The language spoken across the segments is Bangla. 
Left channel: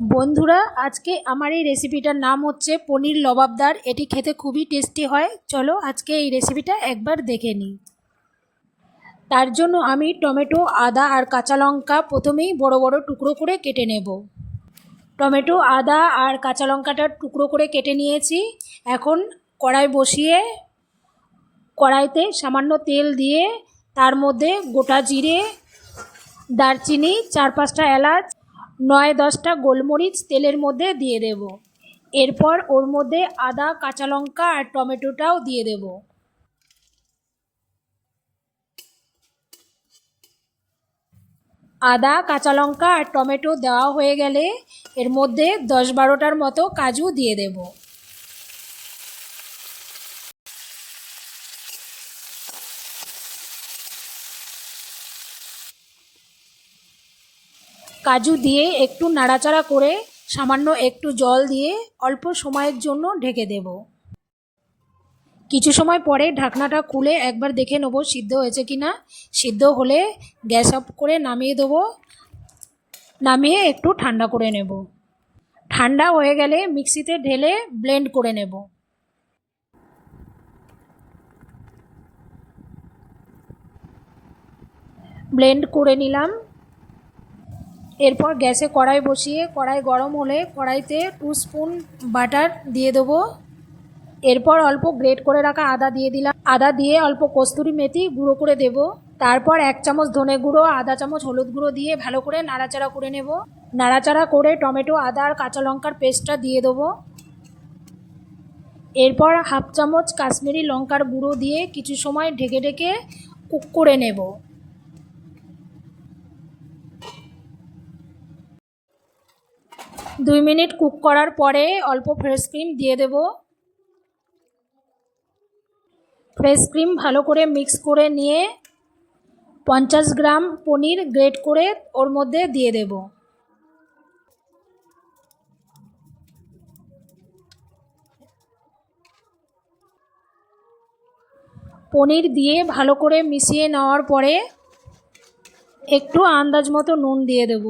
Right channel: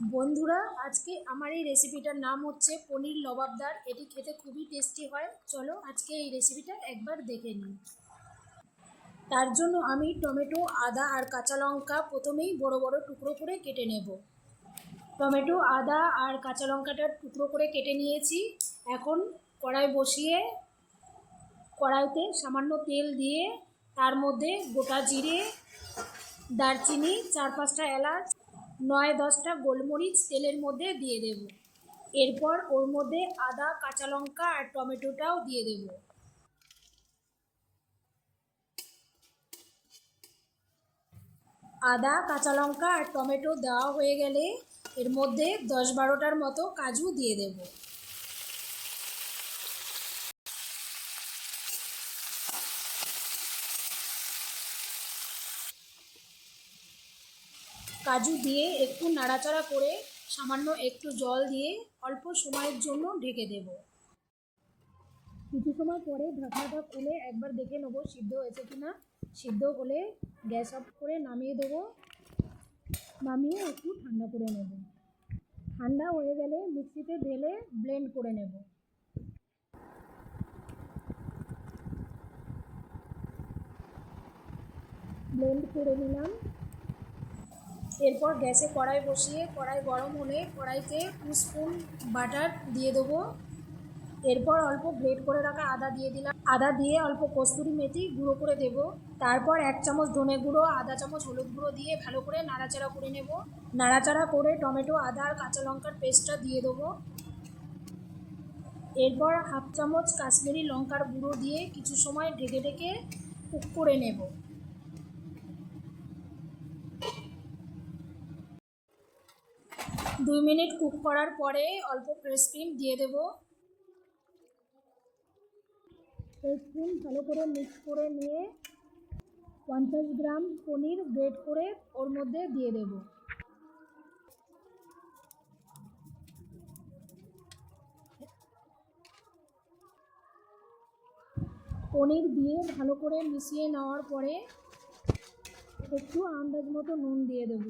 বন্ধুরা, আজকে আমার এই রেসিপিটার নাম হচ্ছে পনির লবাবদার। এটি খেতে খুবই টেস্টি হয়। চলো আজকে এই রেসিপিটা একবার দেখে নিই। তার জন্য আমি টমেটো, আদা আর কাঁচা লঙ্কা প্রথমেই বড় বড় টুকরো করে কেটে নেব। টমেটো, আদা আর কাঁচা লঙ্কাটা টুকরো করে কেটে নিয়েছি। এখন কড়াই বসিয়ে কড়াইতে সামান্য তেল দিয়ে তার মধ্যে গোটা জিরে, দারচিনি, 4-5টা এলাচ, 9-10টা গোলমরিচ তেলের মধ্যে দিয়ে দেব। এরপর ওর মধ্যে আদা, কাঁচা লঙ্কা আর টমেটোটাও দিয়ে দেব। আদা, কাঁচা লঙ্কা আর টমেটো দেওয়া হয়ে গেলে এর মধ্যে 10-12টার মতো কাজু দিয়ে দেব। কাজু দিয়ে একটু নাড়াচাড়া করে সামান্য একটু জল দিয়ে অল্প সময়ের জন্য ঢেকে দেব। কিছু সময় পরে ঢাকনাটা খুলে একবার দেখে নেব সিদ্ধ হয়েছে কি না। সিদ্ধ হলে গ্যাস অফ করে নামিয়ে দেবো। নামিয়ে একটু ঠান্ডা করে নেব। ঠান্ডা হয়ে গেলে মিক্সিতে ঢেলে ব্লেন্ড করে নেব। ব্লেন্ড করে নিলাম। এরপর গ্যাসে কড়াই বসিয়ে কড়াই গরম হলে কড়াইতে 2 স্পুন বাটার দিয়ে দেবো। এরপর অল্প গ্রেট করে রাখা আদা দিয়ে দিলাম। আদা দিয়ে অল্প কস্তুরি মেথি গুঁড়ো করে দেব। তারপর 1 চামচ ধনে গুঁড়ো, আধা চামচ হলুদ গুঁড়ো দিয়ে ভালো করে নাড়াচাড়া করে নেব। নাড়াচাড়া করে টমেটো, আদা আর কাঁচা লঙ্কার পেস্টটা দিয়ে দেবো। এরপর 1/2 চামচ কাশ্মীরি লঙ্কার গুঁড়ো দিয়ে কিছু সময় ঢেকে ঢেকে কুক করে নেব। দুই মিনিট কুক করার পরে অল্প ফ্রেশ ক্রিম দিয়ে দেব। ফ্রেশ ক্রিম ভালো করে মিক্স করে নিয়ে 50 গ্রাম পনির গ্রেট করে ওর মধ্যে দিয়ে দেব। পনির দিয়ে ভালো করে মিশিয়ে নেওয়ার পরে একটু আন্দাজ মতো নুন দিয়ে দেব।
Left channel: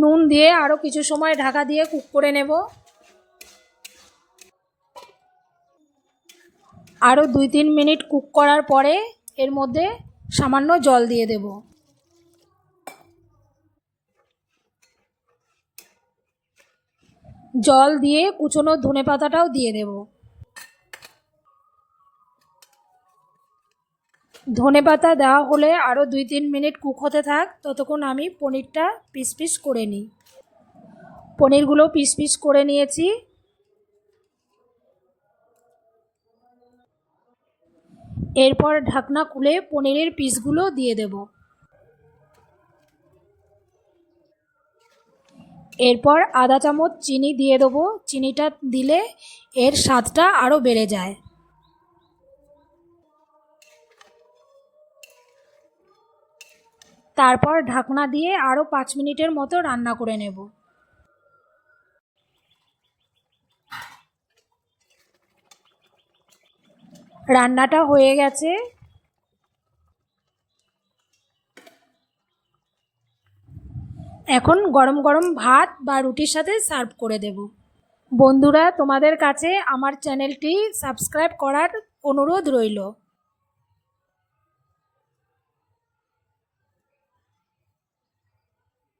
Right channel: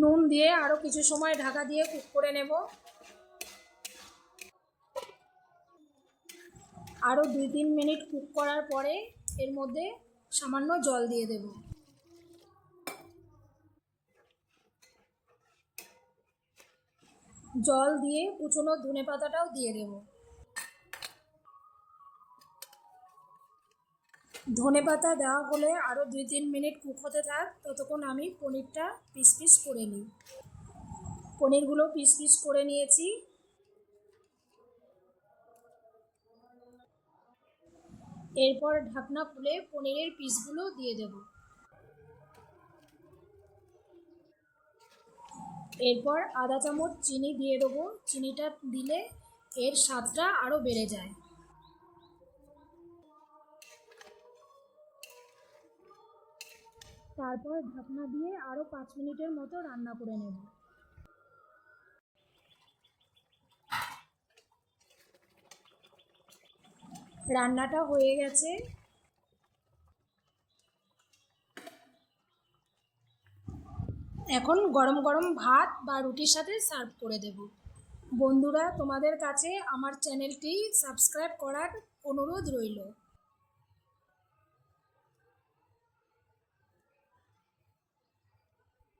নুন দিয়ে আরও কিছু সময় ঢাকা দিয়ে কুক করে নেব। আরও 2-3 মিনিট কুক করার পরে এর মধ্যে সামান্য জল দিয়ে দেব। জল দিয়ে কুচনো ধনেপাতাটাও দিয়ে দেব। ধনেপাতা দেওয়া হলে আরও 2-3 মিনিট কুক হতে থাক। ততক্ষণ আমি পনিরটা পিস পিস করে নিই। পনিরগুলো পিস পিস করে নিয়েছি। এরপর ঢাকনা খুলে পনিরের পিসগুলো দিয়ে দেব। এরপর আধা চামচ চিনি দিয়ে দেবো। চিনিটা দিলে এর স্বাদটা আরও বেড়ে যায়। তারপর ঢাকনা দিয়ে আরও 5 মিনিটের মতো রান্না করে নেব। রান্নাটা হয়ে গেছে। এখন গরম গরম ভাত বা রুটির সাথে সার্ভ করে দেব। বন্ধুরা, তোমাদের কাছে আমার চ্যানেলটি সাবস্ক্রাইব করার অনুরোধ রইল।